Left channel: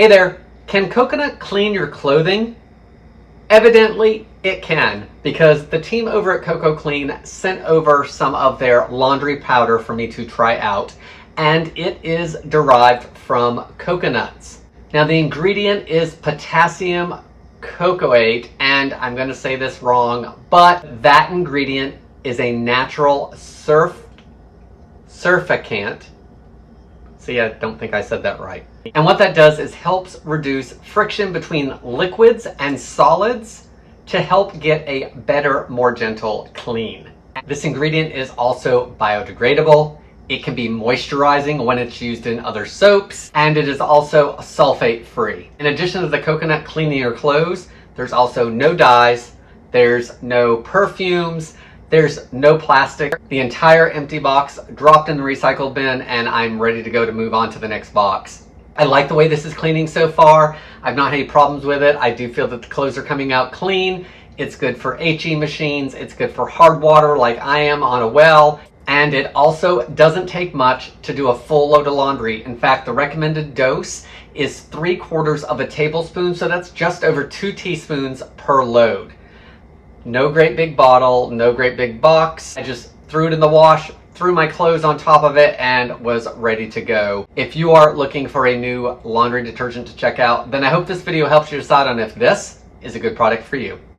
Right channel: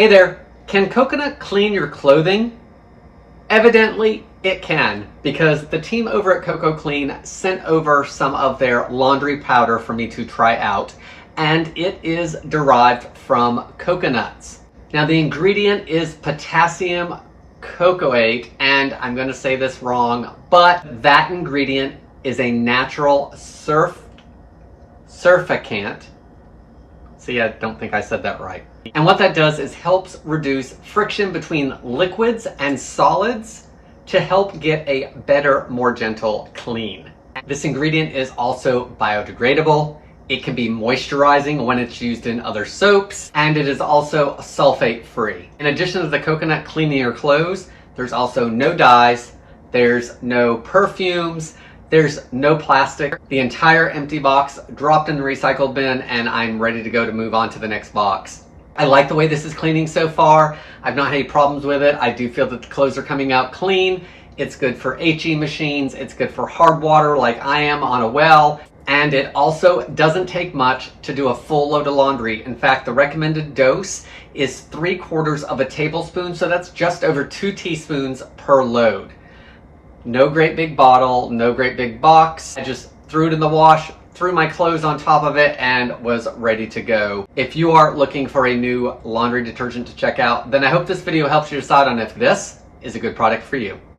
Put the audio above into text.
Hey there, can coconut clean your clothing? Evidently, it can, because the team over at Coco Clean sent over some of their laundry powder for me to try out, and it is derived from coconuts. Now, the ingredient is potassium cocoate, and I'm going to say this wrong, but that ingredient is a natural surfactant. See, I don't think I said that right. And what that does is helps reduce friction between liquids and solids to help get a better, more gentle clean. This ingredient is also biodegradable. It can be moisturizing when it's used in other soaps, and it is also sulfate free. In addition to the coconut cleaning your clothes, there's also no dyes, there's no perfumes, there's no plastic. The entire empty box dropped in the recycle bin, and I'm ready to go to move on to the next box. I like the way this is cleaning so far. I've not had any problems with it. I do feel that the clothes are coming out clean. It's good for HE machines. It's good for hard water like I am on a well. And it also doesn't take much to do a full load of laundry. In fact, the recommended dose is 3/4 of a tablespoon. So that's just over 2 teaspoons per load. No great big bottle, no great big box. I just threw it in the wash, threw my clothes on top of it, and was ready to go. If you are looking for a new laundry detergent to check out, then I hope this video helps you decide on if this is a good product for you.